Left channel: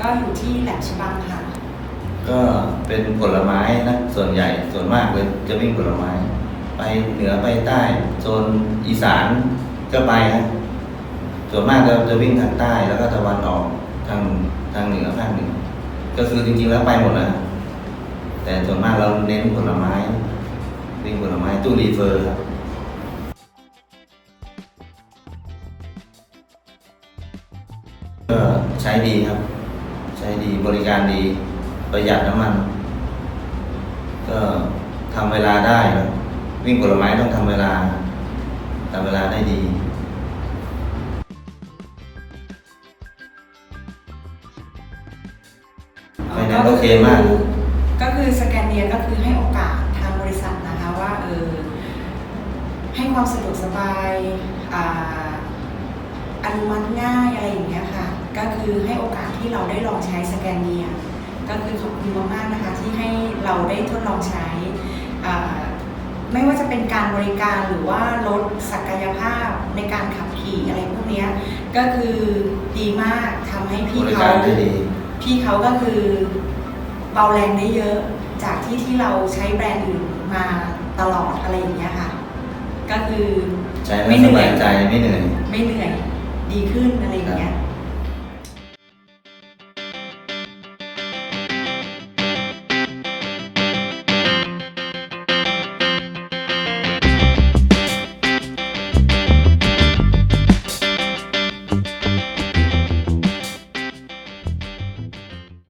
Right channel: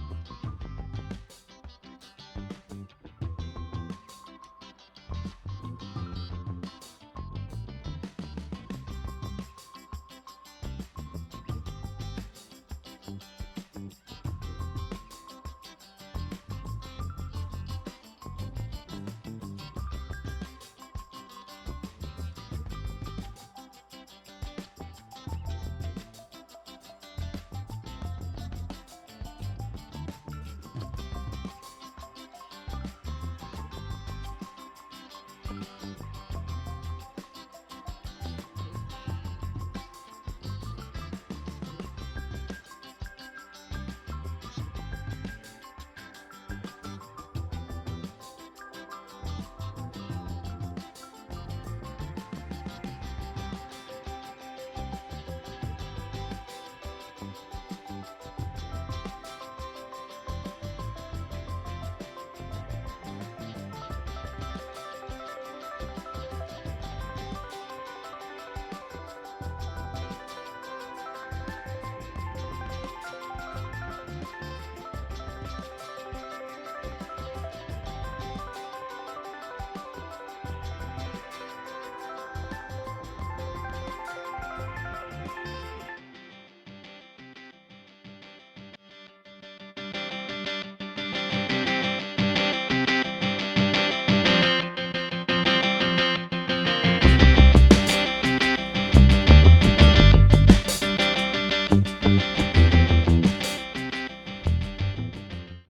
ก็อยู่ที่แหลมชบังค่ะ ก็เป็นผลไม้นะส่วนใหญ่ส่วนมากเลยจะวิ่งผลไม้ ไปเหนือไปใต้โซนอีสานก็ไปนะส่วนมากเรจะวิ่งทางใต้แล้วก็ตะวันออกทางทางเหนือภาคเหนือก็คือจริงๆแล้วไปหมดนะแต่ส่วนมากเราเน้นผลไม้วิ่งผลไม้ตู้รีเฟอร์ครับก็ใช้ดีครับ ช้ดีบริการดีประหยัดน้ำมัน ก็ทำเวลาได้ครับวิ่งผลไม้ต้องทำเวลาทำเวลาได้ดีไฟแนนซ์โอเคมาก ก็คือสแกนเนียก็คือให้โอกาสทางบริษัทนะคะว่าเออให้ความสะดวกสบายอ่าอนุมัติง่ายอะไรอย่างเงี้ย ค่ะก็คือให้โอกาสที่เราได้ลองใช้สแกนเนียก็คือขอบคุณมากๆนะคะที่ให้เราได้ทดลองใช้อ่าไม่ว่าจะเป็นการบริการหรือว่าลดศักยภาพในการขับขี่อะไรพวกเนี้ยก็คือดีมากทำให้บพี่ริเขาการได้ดีพี่เขาก็คือเบาแรงได้เยอะจากที่ที่เราใช้แบรนด์อื่นมาตลอดอะไรอย่างเงี้ยค่ะ ก็คือใช้แล้วไม่สเหนื่อยบายใจไม่เหนื่อยไม่เหนื่อย